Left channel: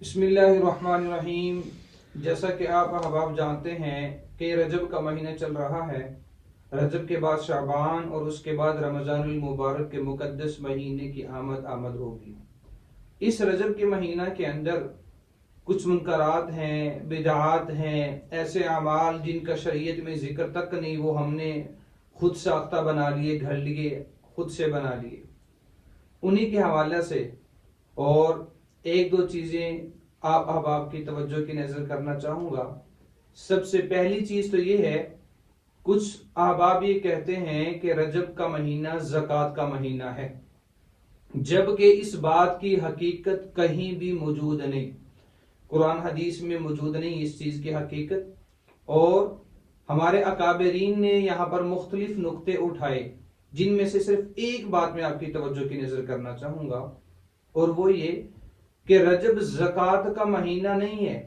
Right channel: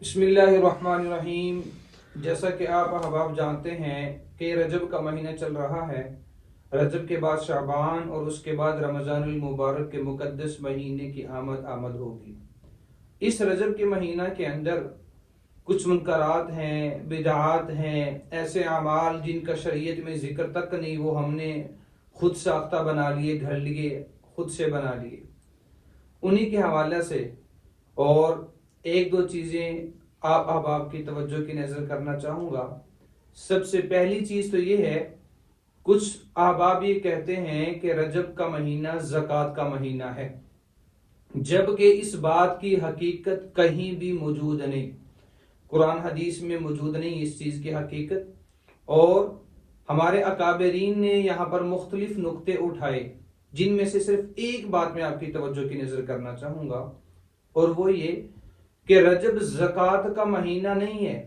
بسم اللہ الرحمن الرحیم۔ جیسا کہ آپ احباب جانتے ہیں کہ رجب کا مہینہ چل رہا ہے۔ رجب کے بعد شعبان اور اس کے بعد رمضان المبارک کے مقدس مہینے کی آمد ہوگی۔ اس رجب کے مہینہ کے اندر کچھ منکرات ہیں، بدعات ہیں، ایسے اعمال جن کا شریعت میں ذکر تک نہیں، وہ ہم نے خود ساختہ بنا لیے، گھڑ لیے، خود سے بنا لیے۔ انہی کے حوالے سے اور ایک دو چیزیں آپ احباب کی توجہ کی نظر کرنا چاہوں گا۔ سب سے پہلی چیز تو یہ ہے، کچھ احباب یہ کہتے ہیں کہ رجب کا مہینہ زکوٰۃ کا مہینہ ہے، جبکہ اس بات کی حقیقت کہیں بھی موجود نہیں، قرآن حدیث میں موجود نہیں اس چیز کی حقیقت۔ اور ہمارے اکابرین نے یہاں پر مختلف نقطے اٹھائے، جن میں سے صرف ایک بات میں آپ کی توجہ کی نظر کرنا چاہوں گا، اور وہ یہ کہ رجب زکوٰۃ کا مہینہ نہیں ہے۔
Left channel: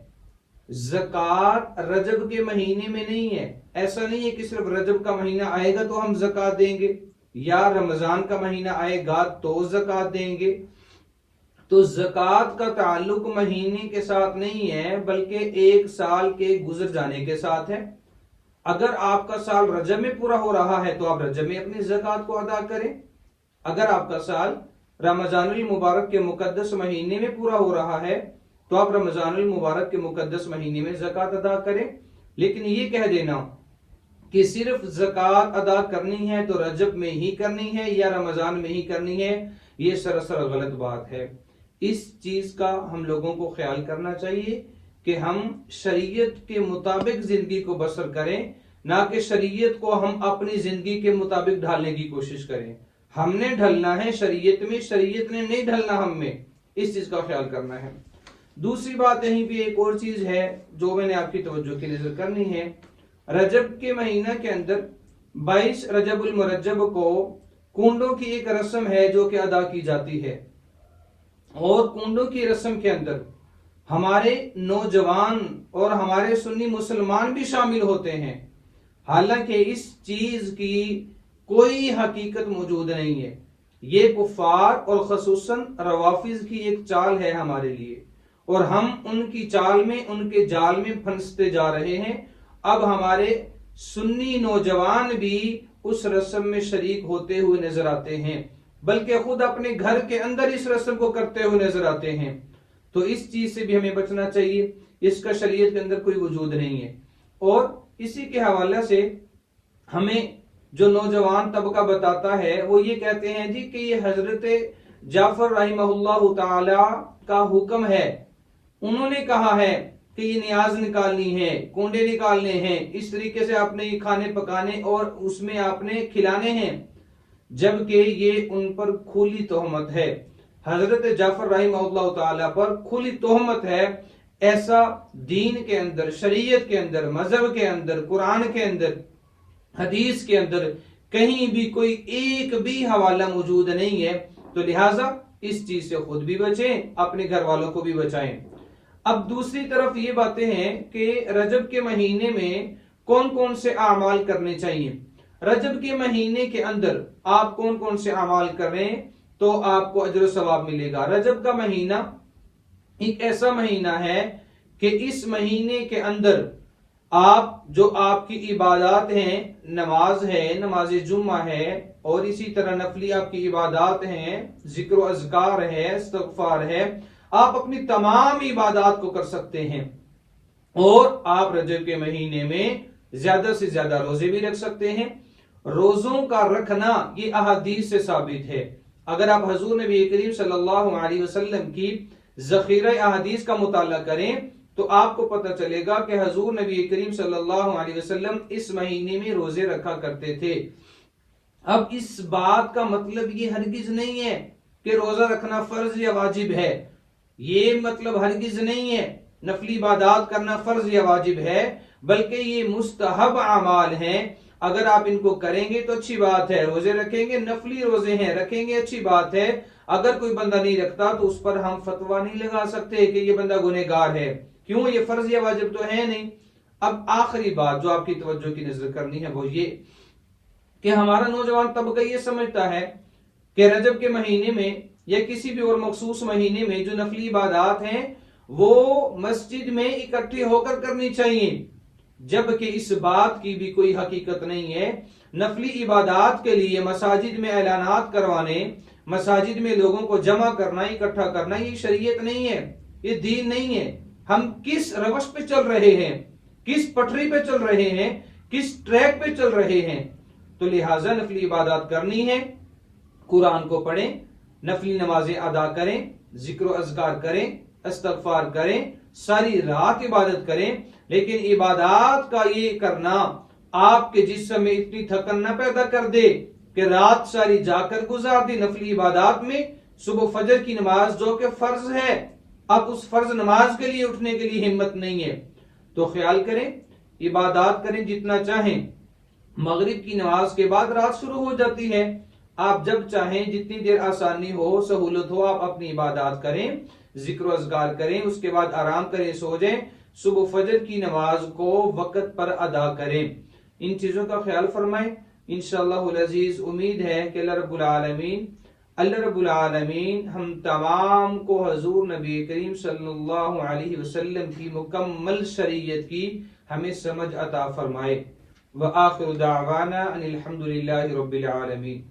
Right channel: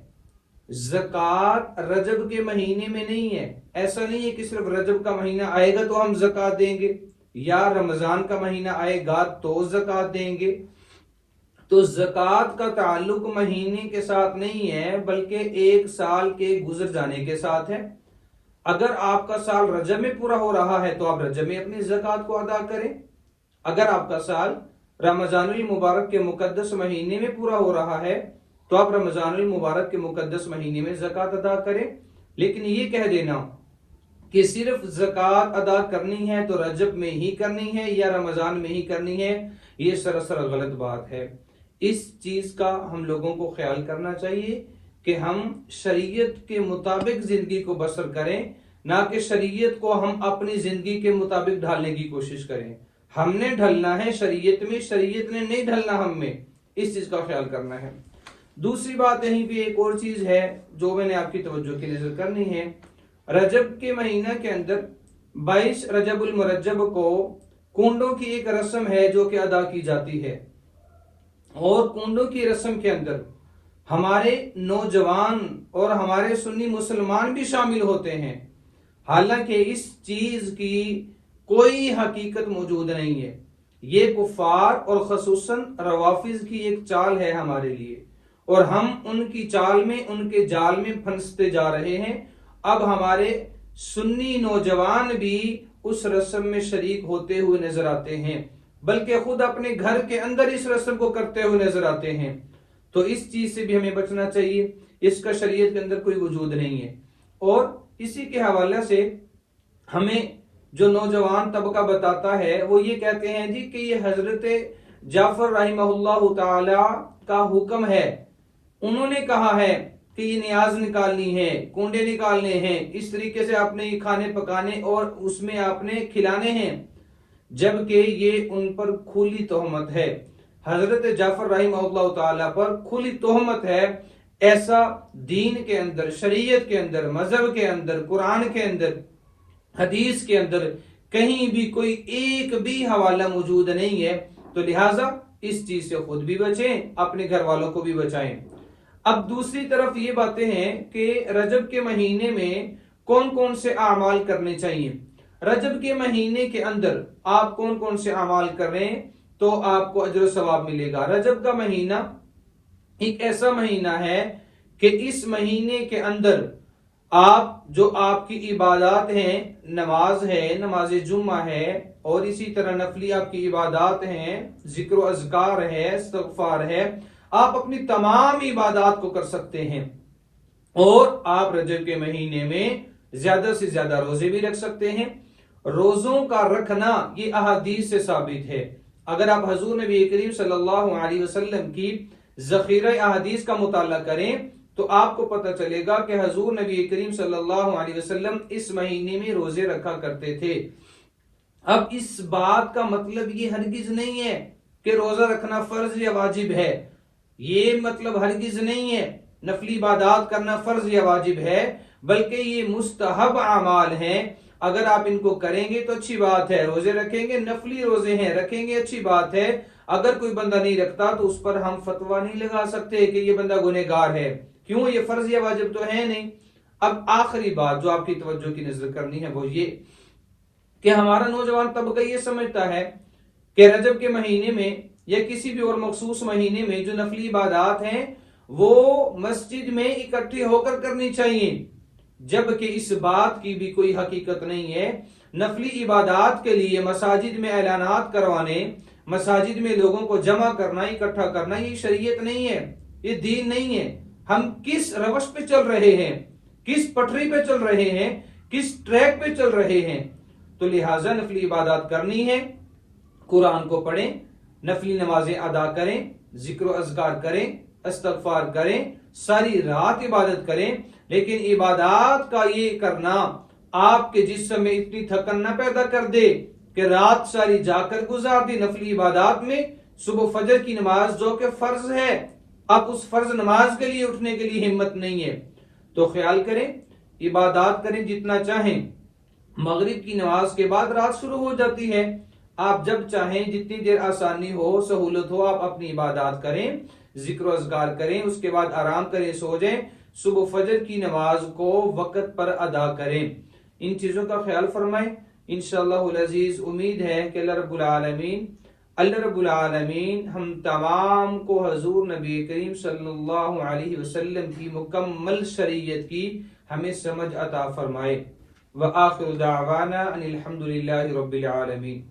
زکوٰۃ رجب کے مہینے میں نہیں ہے۔ ایسا نہیں ہے کہ صرف رجب کا مہینہ آئے گا تو ہم زکوٰۃ دیں گے، یا رمضان کا مہینہ آئے گا تو زکوٰۃ دیں گے۔ تو زکوٰۃ کا تعلق مہینے کے ساتھ نہیں ہے، بلکہ ایک سال کے گزر جانے کے ساتھ ہے۔ اگر آپ کا سال رجب میں پورا ہو رہا ہے تو آپ رجب میں اپنی زکوٰۃ کو ادا کریں۔ اگر آپ کا سال رمضان المبارک کے مقدس مہینے میں پورا ہو رہا ہے تو آپ رمضان المبارک کے مقدس مہینے میں زکوٰۃ ادا کریں۔ لیکن یہ کہہ دینا کہ صرف زکوٰۃ ادا کرنی ہے تو رجب میں ہی کرنی ہے یا رمضان میں ہی کرنی ہے، یہ سراسر غلط بات ہے۔ اس چیز کا ہم لوگوں کو خیال کرنا چاہیے کہ ہم شریعت کے مطابق زندگی کو بسر کریں، نہ کہ شریعت کو ہم اپنی زندگی کے مطابق ڈھالنے کی کوشش کریں۔ ہم نے ڈھلنا ہے شریعت میں، شریعت نے نہیں ڈھلنا ہم میں، اس چیز کا خیال کرنا ہے۔ دوسری بات یہیں پہ ایک اور چیز ہے جو میں نے آپ کی توجہ کی نظر کرنی ہے۔ رجب کے مہینہ کے اندر 22 رجب المرجب کو کنڈوں کی ایک رسم ہے جو کہ ادا کی جاتی ہے، اور کنڈوں کی رسم کے اندر ہمارے نوجوان اور ہمارے سنی مسلمان بھی شامل ہوتے ہیں، حالانکہ اس چیز کی کوئی حقیقت موجود نہیں ہے۔ یہ کفار اور خصوصاً روافض کی ایک چال ہے ہمارے لیے، اور ہم ان کی چال میں، ان کے جال میں پھنستے جا رہے ہیں۔ اب ہمارے سنی نوجوان بھی اس رسم میں شریک ہوتے ہوئے نظر آتے ہیں، بلکہ خود اپنے گھر کے اندر اس رسم کو کرتے ہوئے نظر آتے ہیں۔ تو اس چیز سے بھی ہمیں بچنا چاہیے، اس کا شریعت کے اندر کوئی وجود نہیں ہے۔ اور اسی کے حوالے سے ہمیں جو نوجوان طبقہ بتاتا ہے وہ یہ کہتے ہیں جی کہ یہ حضرت جعفر رحمہ اللہ تعالی کا حکم ہے، انہوں نے کہا ہے کہ یہ نیاز نکالنی ہے، کنڈے نکالنے ہیں، اس طریقے سے آپ نے یہ کھانے پکانے اور اس میں آپ نے کھلانے ہیں، جبکہ یہ ان پر کھلی تہمت ہے۔ حضرت جعفر رحمہ اللہ تعالی پر کھلی تہمت ہے۔ ایسا دین کے اندر، شریعت کے اندر، مذہب کے اندر، قرآن کے اندر، حدیث کے اندر کہیں بھی کوئی ایک بھی حوالہ موجود نہیں ہے۔ تو لہٰذا اس چیز سے خود بھی بچیں، اپنے گھر والوں کو بھی بچائیں۔ اب دوسری طرف یہ باتیں ہیں کہ رجب کے مہینے میں کون کون سے اعمال کرنے چاہیے۔ رجب کے مہینے کے اندر آپ کون کون سے اعمال کریں تو آپ کو اجر و ثواب ملے گا۔ رجب کا مہینہ ایک ایسا مہینہ ہے کہ اس مہینے کے اندر آپ کی عبادات ہیں، نماز ہے، نماز جمعہ ہے، اور اسی طرح نفلی آپ کی عبادات ہیں، ذکر و اذکار ہے، استغفار ہے، آپ اپنی تمام عبادات کو کر سکتے ہیں۔ اور آپ رجب کے مہینے میں زیادہ سے زیادہ روزے بھی رکھ سکتے ہیں۔ روزوں کا رکھنا یہ احادیث سے ثابت ہے۔ اگر آپ حضور نبی کریم صلی اللہ علیہ وسلم کی ذخیرہ احادیث کا مطالعہ کریں تو آپ کو پتہ چلے گا کہ حضور نبی کریم صلی اللہ علیہ وسلم اس مہینے میں روزے رکھا کرتے تھے۔ اب اس بات کا مطلب یہ ہرگز نہیں ہے کہ روزہ رکھنا فرض یا واجب ہے، یہ مطلب ہرگز نہیں ہے نفلی عبادات کرنا فرض یا واجب ہے، بلکہ یہ مستحب اعمال ہیں۔ اگر آپ ان کو کریں گے تو اچھی بات ہے، روزے رکھیں گے، نفلی روزے ہیں رکھیں گے، اچھی بات ہے۔ اگر کوئی بندہ نہیں رکھتا تو اس پر ہم فتویٰ نہیں لگا سکتے کہ یہ بندہ گنہگار ہے، کیوں؟ یہ فرض یا واجب تو ہے نہیں۔ اب آخری بات جو آپ کی توجہ کی نظر کرنی ہے وہ یہ کہ ہمارا نوجوان طبقہ یہ سمجھتا ہے کہ رجب کے مہینے میں یا کسی بھی اور مخصوص مہینے میں جو نفلی عبادات ہیں وہ مسجد میں اکٹھے ہو کر کرنی چاہیے، جبکہ اس بات کی بھی کوئی حقیقت نہیں ہے۔ نفلی عبادات کے لیے مساجد میں اعلانات کروانے، مساجد میں لوگوں کو جمع کرنا، اکٹھا کرنا، یہ شریعت نہیں ہے، یہ دین نہیں ہے۔ ہم کس روش پہ چل رہے ہیں، کس پٹری پہ چل رہے ہیں، کس ٹریک پہ چل رہے ہیں؟ تو لہٰذا نفلی عبادات کرنی ہے، قرآن کو پڑھیں، نفلی نمازیں ادا کریں، ذکر و اذکار کریں، استغفار کریں، ساری رات عبادت کریں، لیکن عبادات کا یہ کرنا آپ کے جسم میں اتنی تھکن نہ پیدا کر دے کہ رات ساری جا کر گزار دی نفلی عبادات میں۔ صبح فجر کی نماز جو کہ فرض ہے، اب اس فرض نماز کے لیے اٹھنے کے لیے ہمت نہیں ہے، تو خیال کریں، عبادات کریں جتنا چاہیں۔ مغرب کی نماز کے بعد رات شروع ہو جاتی ہے، آپ جب چاہیں جتنی دیر آسانی ہو، سہولت ہو، آپ اپنی عبادات کریں، ذکر و اذکار کریں، اس کے بعد آرام کریں، سو جائیں، صبح فجر کی نماز کو وقت پر ادا کریں۔ ان چیزوں کا خیال فرمائیں، انشاءاللہ العزیز امید ہے کہ اللہ رب العالمین ہم تمام کو حضور نبی کریم صلی اللہ علیہ وسلم کی مکمل شریعت کی ہمیں سمجھ عطا فرمائے۔ وآخر دعوانا ان الحمد للہ رب العالمین۔